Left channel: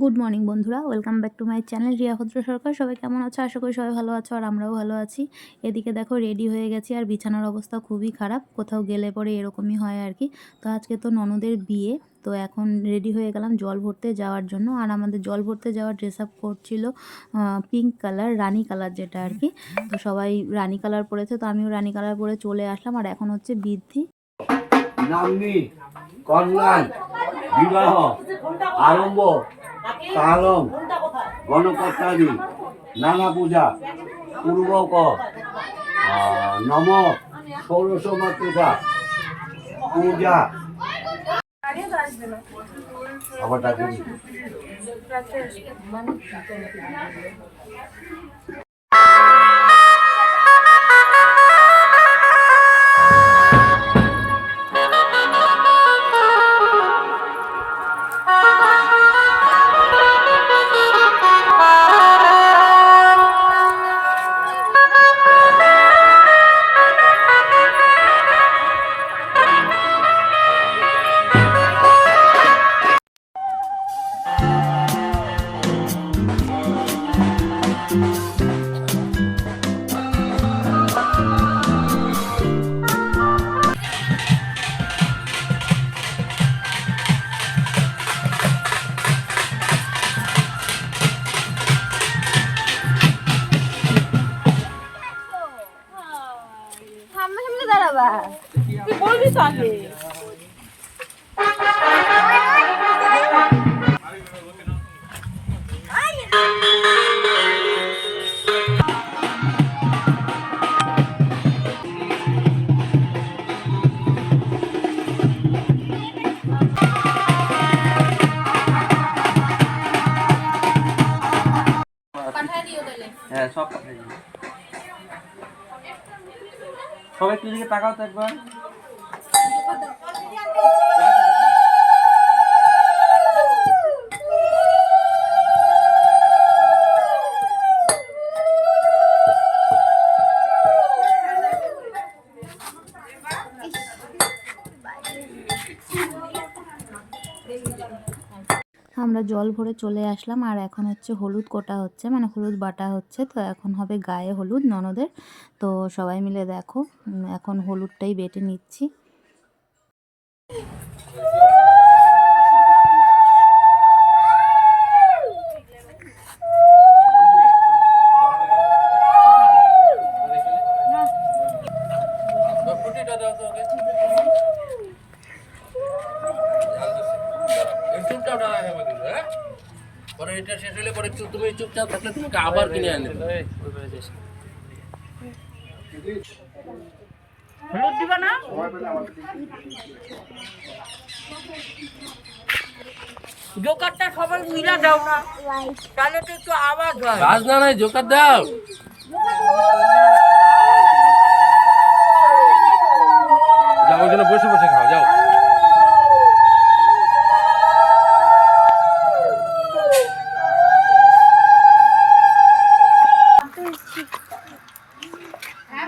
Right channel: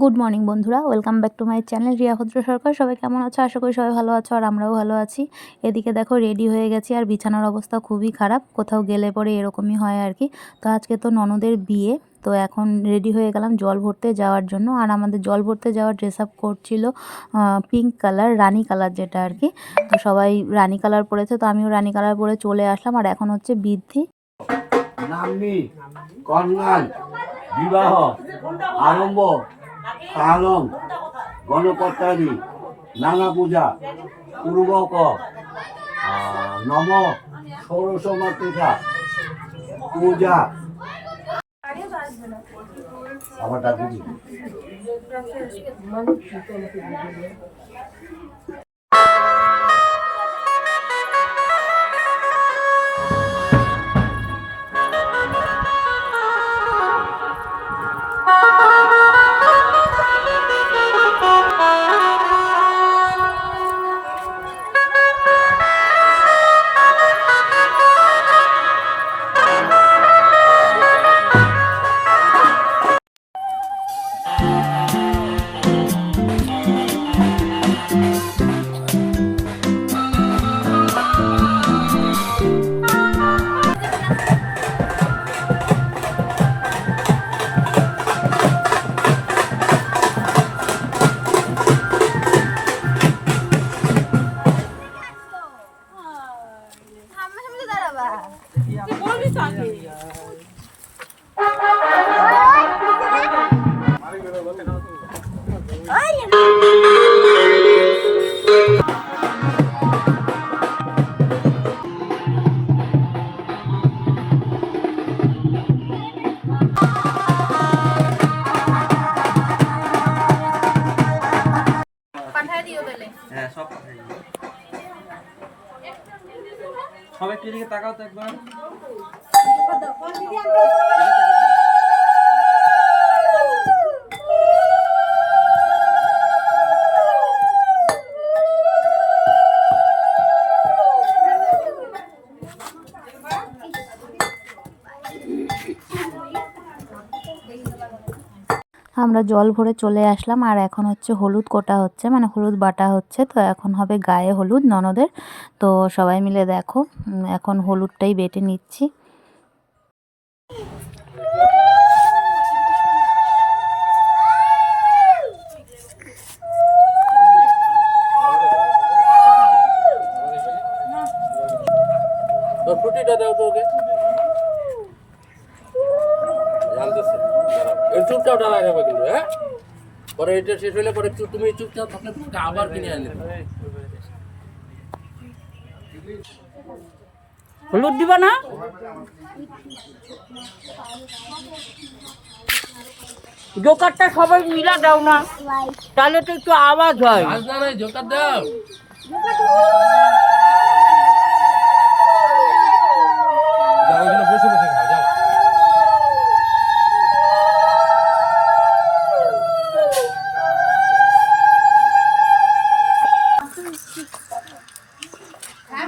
Good morning বন্ধুরা। Welcome back to my channel Riya Bhadra Sarkar সবাই কেমন আছো? আশা করি সবাই ভালো আছো আর আমরাও ভালো আছি। এদিকে দেখো রেডি হয়ে গেছি আর বিছানার অবস্থা খুবই খারাপ। কোথাও গেলে পরে এরকমই হয় আর কি। তো আজকে তো ননদের বিয়ে, তো এখন রেডি হয়ে গেলাম জল ভরতে যাওয়ার জন্য। আর আমাদের জল ভরতে যাওয়ার ড্রেস আপ করছিল পিঙ্ক কালার রানী কালার যেটা আর কি। তো সবাই রানি কালার পরেছে, তো আমিও রানি কালার পরে চলে আসলাম। আর এখন হচ্ছে বৃদ্ধি। বিবাহ। আরম্ভ। কালম গণপত্রাদি নানা পূজা পূর্বক নম ষোড়শ মাতৃকা পূজা। আবার সামনে দাঁড়াবা। তুই বলবি তো আগে। পাঠায় দিও তাহলে। হ্যাঁ সব পাঠিয়ে দিবি সবাই একটু এদিকে তাকাও তো একবার। আমরা জল ভরে চলে আসলাম। আর এখন হচ্ছে হলুদ কোটা হচ্ছে মানে হলুদ বাটা হচ্ছে। তো এখন হবে গায়ে হলুদ ননদের। তো সবাই মিলে দেখো এখন হলুদটাই বেটে নিচ্ছি। চুপচাপ ডালা খাবে কিন্তু হ্যাঁ? পরে এটা শেষ হলে পরে চুপ- তুমি চুপচাপ থাকলে তোমাকে আবার কিনে আনে হলুদ দিবা না? জোকারটা সবাই মিলা দাও না। তাহলে তো একটু আওয়াজ হয়। না নাই জোকার দাও। যাও ওখানে বসে বসে খাও যাও।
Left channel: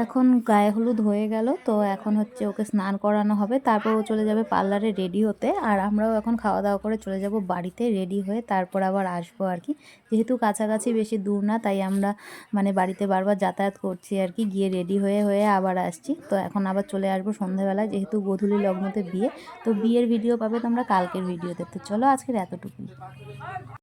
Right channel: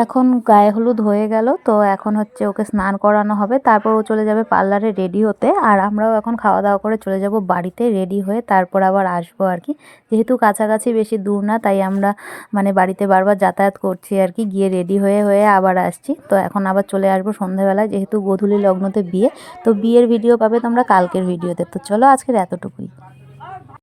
এখন গায়ে হলুদ হয়ে গেল, তো এখন হচ্ছে ওকে স্নান করানো হবে। তারপর ও চলে যাবে পার্লারে রেডি হতে, আর আমরাও এখন খাওয়া দাওয়া করে চলে যাব বাড়িতে রেডি হয়ে তারপর আবার আসব আর কি। যেহেতু কাছাকাছি বেশি দূর না, তাই আমরা মানে বাড়িতে বারবার যাতায়াত করছি আর কি, গিয়ে রেডি হয়ে হয়ে আবার আসছি। তো এখন আবার চলে আসব সন্ধ্যাবেলায় যেহেতু গোধূলি লগ্নতে বিয়ে, তো বিয়ের ভিডিও পাবে তোমরা কালকের ভিডিওতে। তো চলো আজকের এতটুকুই।